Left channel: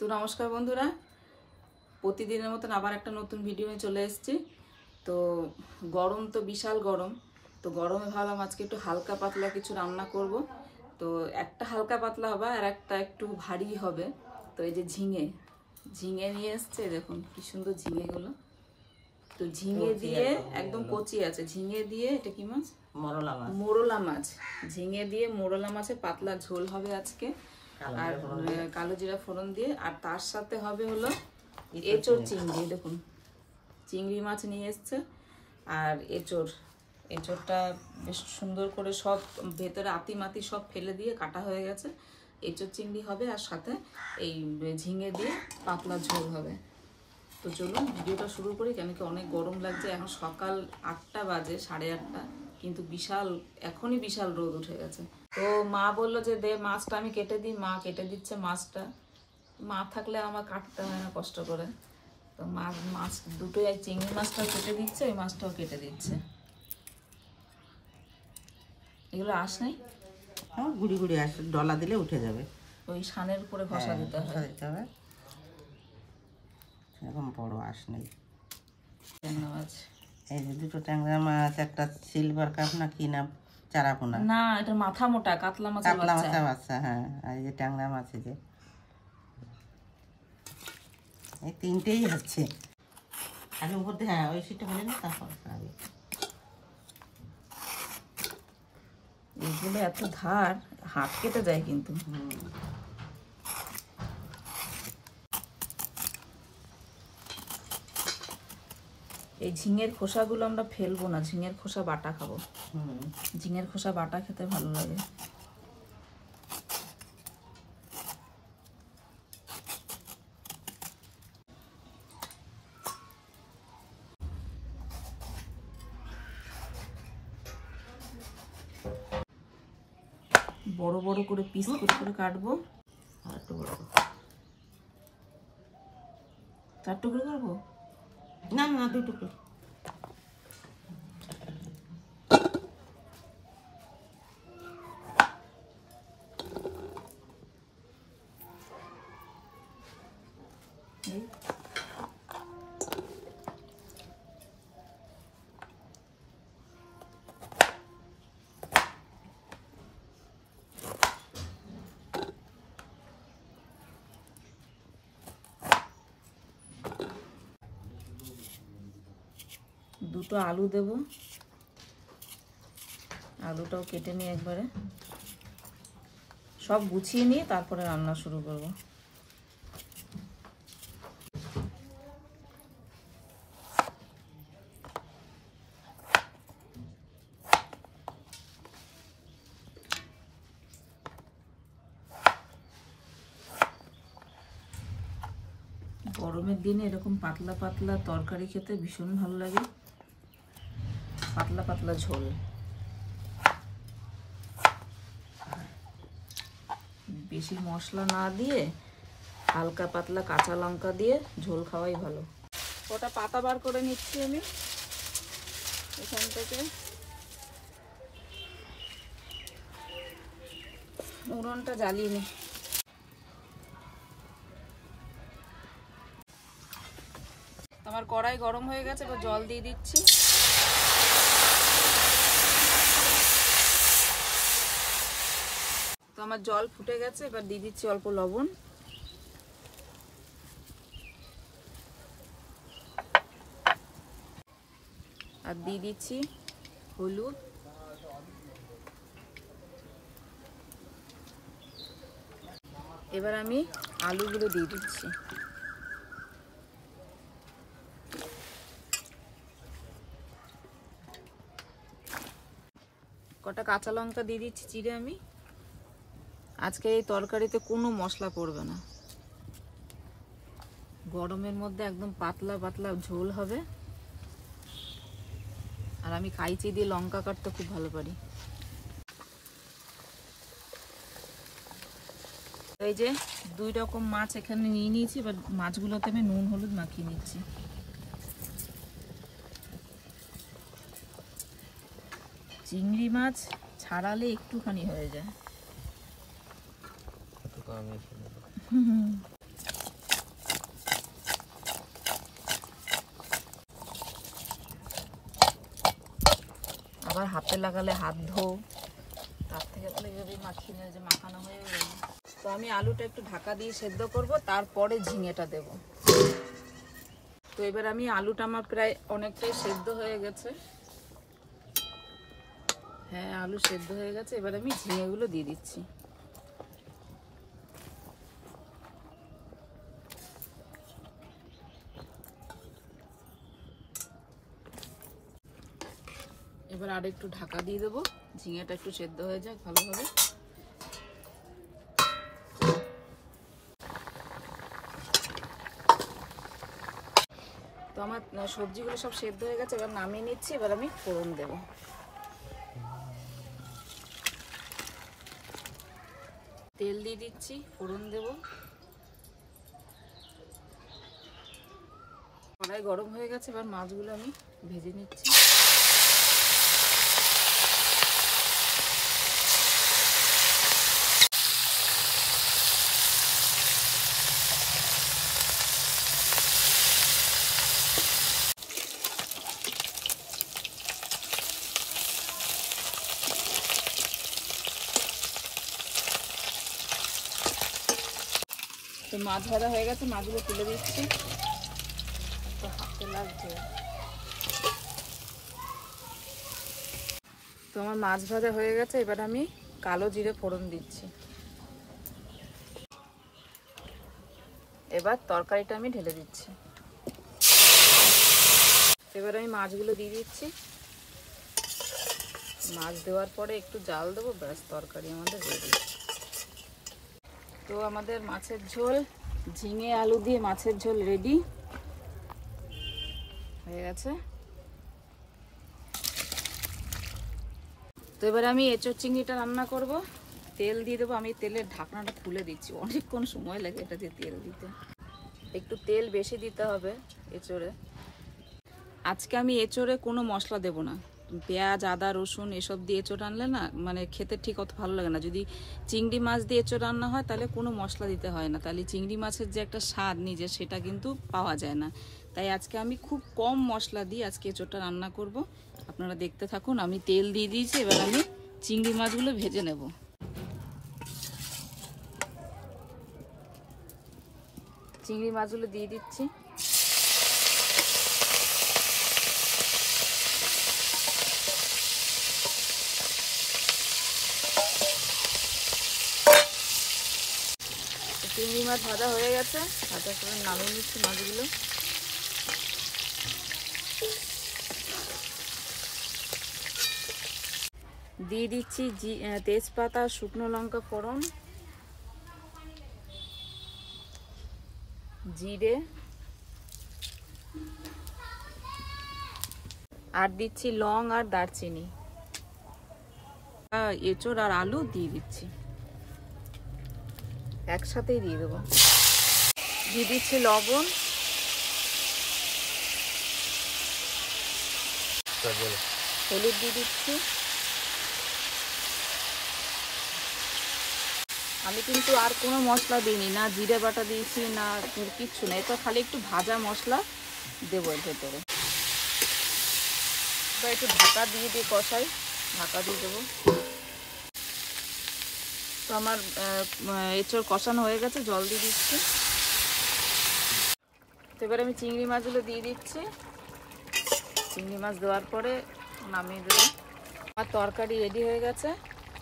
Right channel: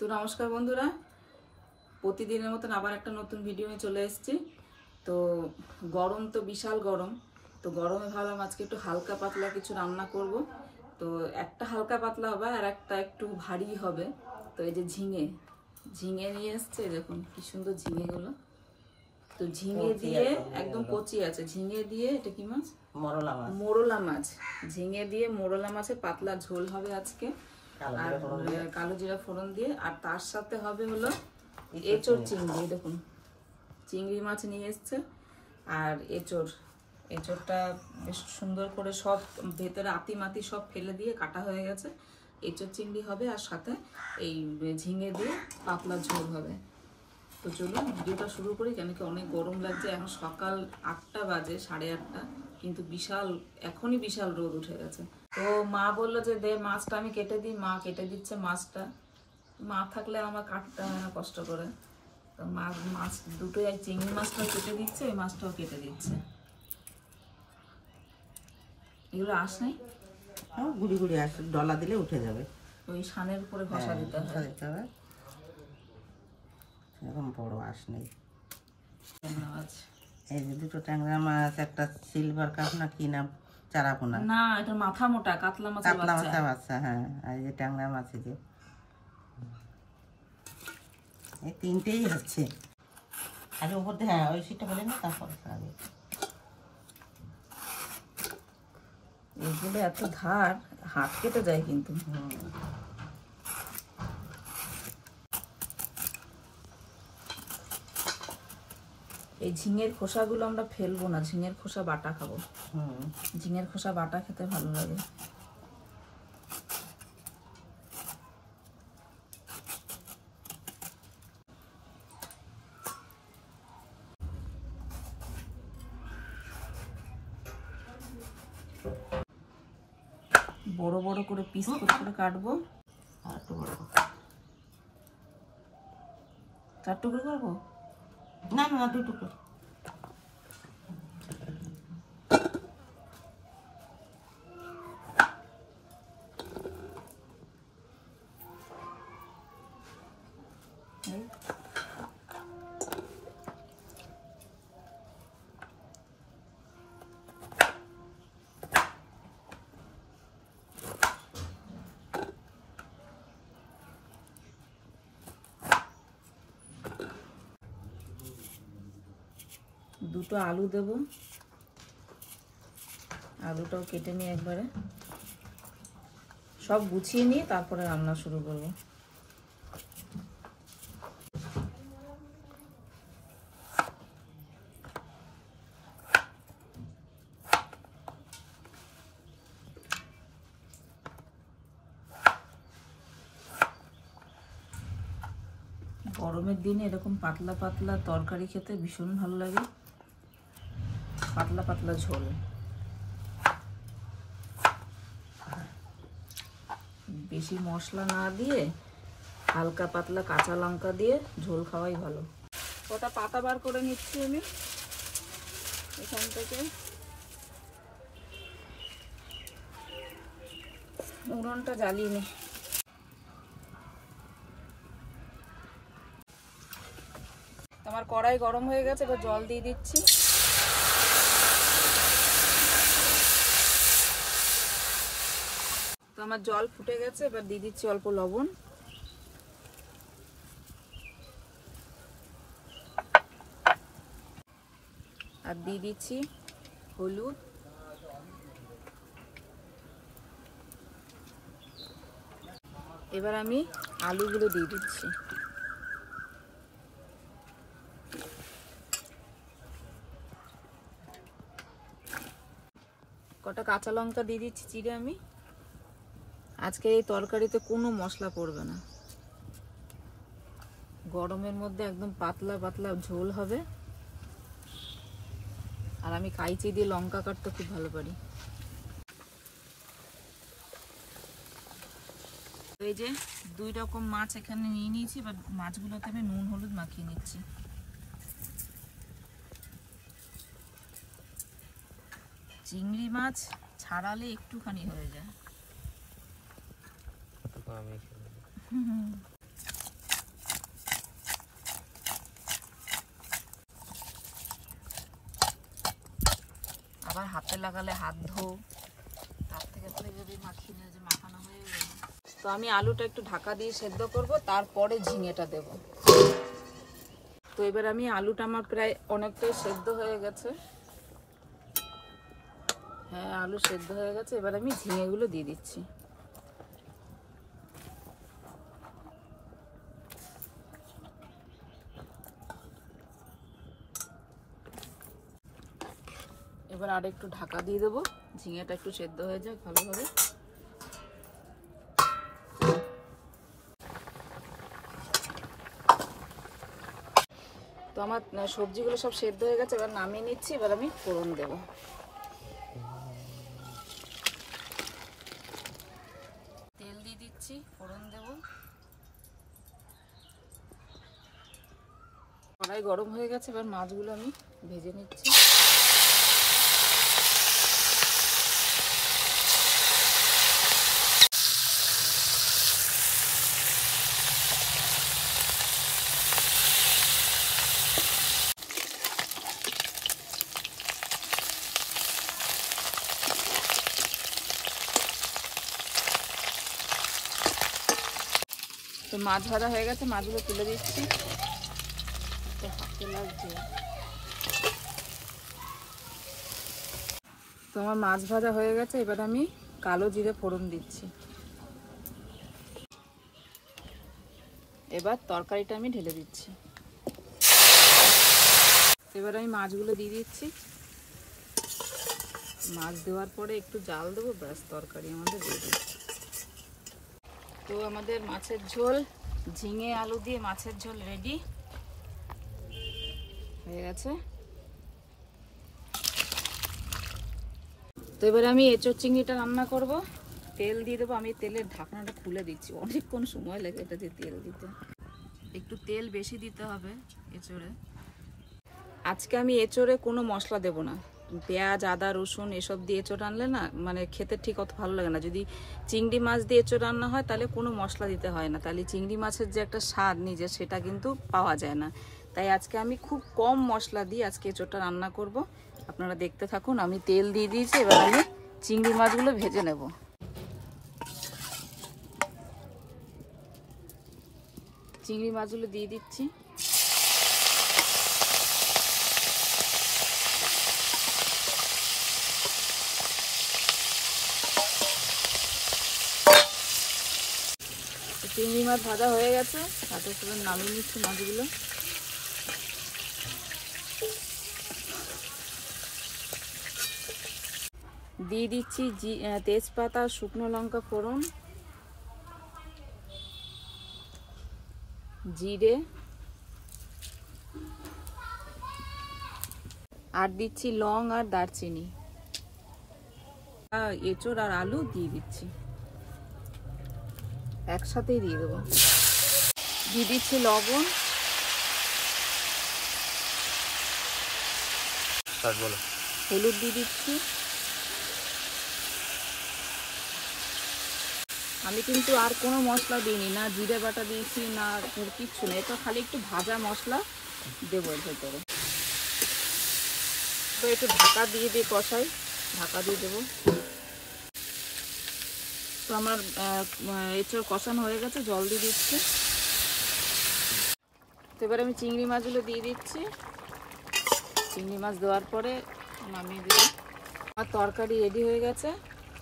তো নমস্কার বন্ধুরা, প্রতিদিনের মতন আবার একটা নতুন ভিডিও নিয়ে চলে এসেছি। তো গরম তো বিশাল গরম, তো গরমে ভাবলাম আজকে একটু হালকা পাতলা কিছু রান্না করব। তো একটা হালকা পাতলা হবে আর একটা একটু ভারী হবে। তো এই যে ঝিঙে ঝিঙে নিয়ে এসছে, দেখুন কি সুন্দর ঝিঙেগুলো। তো ঝিঙে দিয়ে একদম কচি আছে, ঝিঙে দিয়ে এটা কি মাছ? মোরলা মাছ। ঝিঙে দিয়ে মোরলা মাছের পাতলা ঝোল হবে আজকে, আর কালো জিরা ফোড়ন দিয়ে। আর তার সাথে হবে হলো এঁচোড় চিংড়ি। দেখুন চিংড়ি মাছ নিয়ে এসছে আর এঁচোড়টা বেশ সুন্দর করে সব ভেতরে আতি মাতি সব ফেলে দিয়ে কাটা হয়ে গেছে। এঁচোড় চিংড়ি হবে আর সাথে এই ঝিঙে দিয়ে পাতলা ঝোল হবে। তো চলুন ভিডিওটা শুরু করি, কেন কি অনেক গরম লাগছে। এখন সকাল 8টা বাজে, 8:30, কিন্তু এখনই বিশাল রোদ উঠে গেছে। তো মা বললো যে দে মাছটা আমি কেটে দিই। মা কেটে দিচ্ছে মাছটা। মা থাকলে আমার কাটতে হয় না কষ্ট করে। তো মাছ দুটোই, এক চিংড়ি মাছটাও কেটে দিচ্ছে, ওই মাছটাও কেটে দিচ্ছে। এগুলো আঁশ নেই, গুড়ি গুড়ি আসে, ডলা দিলে উঠে যাবে। ওই সানের উপরে ঘষা দিতে হবে। এরকম বড় আঁশ নেই। মাছ, এই যে দুটো ট্যাংরা মাছ, একটা সিলভার কাপ না কি নাম, চারাপোনা না এটা মাথা মোটা কাতলা মাছ। কাতলা মাছের বাচ্চা, হ্যাঁ। আর এই যে ট্যাংরা মাছ, এই তিনটেই হচ্ছে। আগে উপর দিয়ে, হ্যাঁ ওই সিটটা বলে না, তারপর আগে এগুলো এত ধার, হাত কেটে যায় কিন্তু। এই ঝিঙের খোসাগুলো আমরা ফেলবো না, ঝিঙের খোসা বাটা খাবো। ঝিঙের খোসা বাটা খেতে ভালো লাগে। বড় বড় করে পিস করে কাটবো। আর একটু বড়, 4 টুকরো করবো। না না না, 2 টুকরো। দুটো আলু দেব, আলুটাও কেটে নিয়ে একবারে সব গুছিয়ে নিয়ে তারপরে রান্না শুরু করব। গরমের দিনে এরকম পাতলা পাতলা তরকারি খেতে ভীষণ ভালো লাগে, পাতলা পাতলা ঝোল। বেশি মশলা না দিয়ে হালকা পাতলা কাঁচা লঙ্কা দিয়ে ঝোল খাওয়াই ভালো। ওটা পাতা বার করে নিচ্ছি আমি এখান থেকে। উনুনটা জ্বালিয়ে নি। আমার কড়াই গরম হয়ে গেছে, এবার জল দিয়ে দিচ্ছি। তো আমার জল ফুটে গেছে, এবার দিয়ে দিচ্ছি অল্প লবণ। আর দিয়ে দিচ্ছি হলুদ। এবার আমি আলুগুলো দিয়ে দিচ্ছি। কটা কাঁচা লঙ্কা দিয়ে দিচ্ছি চিড়ে আমি। আজকে এই তরকারিতে কোনো মশলা পড়বে না, গরমের মধ্যে একদম পাতলা পাতলা ঝোল হবে। আর আমি কাইচি দিয়ে লঙ্কা কাটতে খুব ভালো পারি। এই যে 2 রকম মাছ এখানে নিয়ে নিয়েছি, এবার মাছগুলোতে আমি নুন হলুদ মাখিয়ে নিচ্ছি। চিংড়ি মাছ ছাড়ালে একটুখানি হয়ে যায়। হাতে লাগালে হাত ধো, তার থেকে তো এইভাবে মাখিয়ে নিয়ে যে মাখানো হয়ে গেল। তো আমি আলুটা একটু ঢাকা দিয়ে সেদ্ধ করব, তারপরে ঝিঙেটা দেব। তো এবার আমি আলুটা আমার প্রায় অনেকটাই সেদ্ধ হয়ে গেছে। হ্যাঁ, আলু সেদ্ধ হয়ে গেছে। এবার আমি ঝিঙেগুলো দিয়ে দিচ্ছি। এবার আর একটু ঢাকা দিয়ে দেবো, ঝিঙেটা একটু সেদ্ধ হয়ে যাক ভালোভাবে। তো আমার সবজিগুলো সব সেদ্ধ হয়ে গেছে, এবার নামিয়ে নিচ্ছি। এবার আমি ফোড়ন দেব। তেল দিয়ে দিচ্ছি, ফোড়ন দেব। কড়াই গরম হয়ে গেছে, এবার মাছগুলো আমি ভেজে নিচ্ছি। তো মাছ ভাজা হয়ে গেছে, মাছগুলো তুলে দিচ্ছি। হাতে লাগছে। তো আমার মাছ ভাজা হয়ে গেছে, এবার আমি কালো জিরে ফোড়ন দিচ্ছি। এবার তরকারিটা আমি ঢেলে দিচ্ছি। এবার আমি মাছগুলো দিয়ে দিচ্ছি। মাছ দেওয়ার পরে একটু জাল দেবো, ব্যাস তরকারি আমাদের রেডি। তো আমাদের মাছের ঝোল, ঝিঙে আলু দিয়ে মাছের ঝোল রেডি হয়ে গেছে। তো এবার আমি এঁচোড় চিংড়িটা রান্না করব। তেল দিয়ে দেবো। আমি তেলের ঢাকনাটা খুলে দিচ্ছি, অনেকক্ষণ সময় লাগে এটা দিয়ে তেল দিতে। একটু তেল বেশি দিতে হবে এঁচোড়ে। আজকে আমি এঁচোড়ে কোনো মশলা দেব না। পেঁয়াজ, আদা, রসুন এসব দিয়ে এঁচোড় রানলে না, মানে খেতে ঠিক অত ভালো লাগে না। যদি চিংড়ি মাছ দিয়ে এঁচোড় রান্না হয় তাহলে কোনো মশলা দিতে হয় না, তাহলে চিংড়ি মাছের যে একটা স্বাদ নিজের সেটা কিন্তু পাওয়া যায় না। তাই আজকে আমি খুব কম মশলা দিয়ে আজকে এঁচোড়টা রান্না করব। আপনারা দেখতে থাকুন। আমি তেল দিয়ে দিয়েছি, এবার আমি চিংড়ি মাছগুলো ভেজে নেব। চিংড়ি মাছগুলো দিয়ে দিচ্ছি। চিংড়ি মাছ ভাজা হয়ে গেছে, ভাজার সময় নামিয়ে নিচ্ছি মাছগুলো। দিয়ে দিচ্ছি তেজপাতা, শুকনো লঙ্কা ফোড়ন, জিরে, আর দিচ্ছি লং আর দারচিনি। এঁচোড় আর আলু দিয়ে দিচ্ছি, একসাথেই দিয়ে দেবো। দিয়ে দিচ্ছি লবণ, হলুদ দিয়ে দিচ্ছি। আমি কিন্তু আর কোনো মশলা দিইনি, না জিরে বাটা দিয়েছি, না কিচ্ছু না। এটা খালি একটু ভাজা মশলা দেবো এর ভেতরে। তো একটু ঢাকা দিয়ে দিয়ে কষাই, ঢাকা দিয়ে দেবো। তো আমার এঁচোড় কষানো হয়ে গেছে, জল দিয়ে দিচ্ছি। তো এবার আমি চিংড়ি মাছগুলো দিয়ে দিচ্ছি। চিংড়ি মাছ দেওয়ার পরে নামিয়ে দেবো। আমার তরকারি রেডি হয়ে গেছে।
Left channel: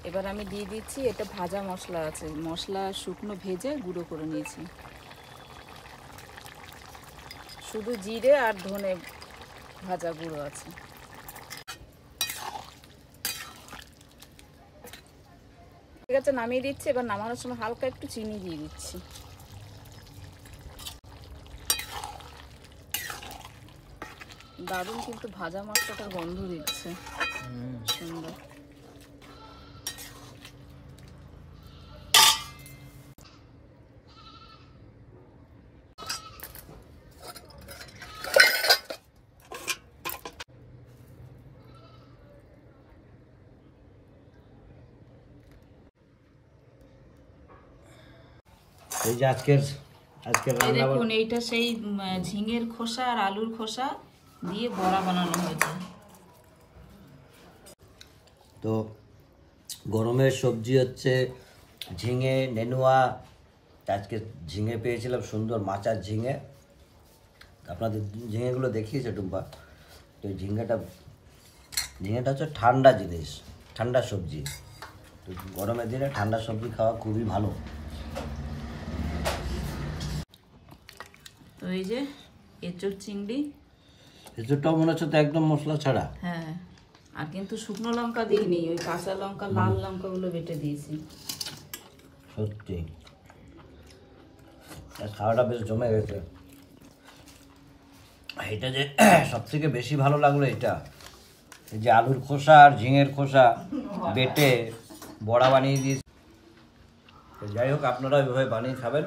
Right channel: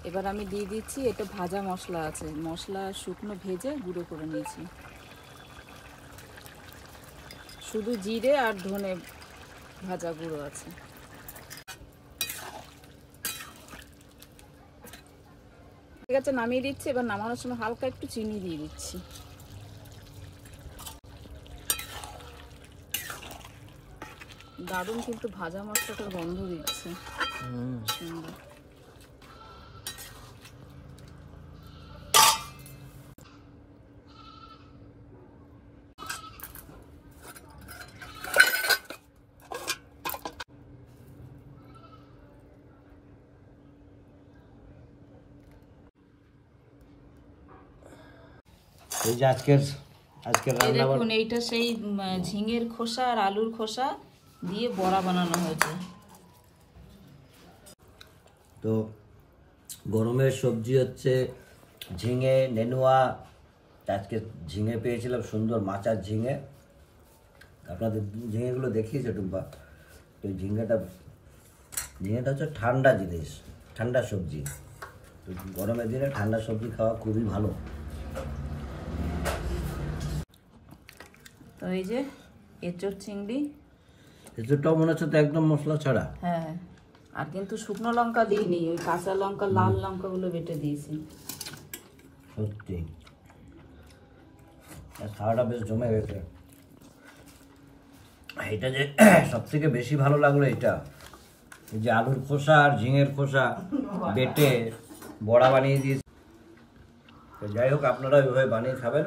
এবার আমি দিয়ে দিচ্ছি, এটা ভাজা মশলা আছে, মশলা শুকনো ভেজে গুঁড়ো করে নিয়েছি। শুধু জিরে আর ধনে ভাজা গুঁড়ো আছে। ঠিক আছে, নামিয়ে দিচ্ছি। এবার নামানোর সময় হালকা একটু চিনি দিয়ে দিচ্ছি। দারুণ কিন্তু ভাজা মশলাটার গন্ধ দিচ্ছে, সুন্দর। এই যে আজকের রান্না। দেখুন, এইটা সেই ঝিঙের খোসা আর আলুর খোসা দিয়ে বড়া বানানো হয়েছে। তো গরমের সবজি হচ্ছে ঝিঙে, নেনুয়া। আজকে ঝিঙে পেয়েছিলাম, সুন্দর মাচার ঝিঙে। আপনাদের ঝিঙেগুলো দেখিয়েছে টুম্পা। তো এই ঝিঙেটা হচ্ছে ঠান্ডা জিনিস, ঠান্ডা সবজি। তো গরমের দিনে ঠান্ডা সবজি খাওয়া খুবই ভালো। তো এই যে এঁচোড় চিংড়ি, এঁচোড়টাও মনে হচ্ছে তো একদম মশলা ছাড়া। হ্যাঁ, আর কিন্তু শুকনো লঙ্কা দিইনি, ওই কাঁচা লঙ্কা লাল লঙ্কাগুলো বেটে দিয়েছি। সত্যি আর খাওয়াটা বেশ জমে গেছে। এটা যে সব থেকে বেশি ভালো লাগলো, এটা এই যে আলুর খোসা আর ঝিঙের খোসা বেটে বড়া বানিয়ে দিয়েছে। তো যাই হোক, আপনারা ওইভাবে বানিয়ে খাবেন।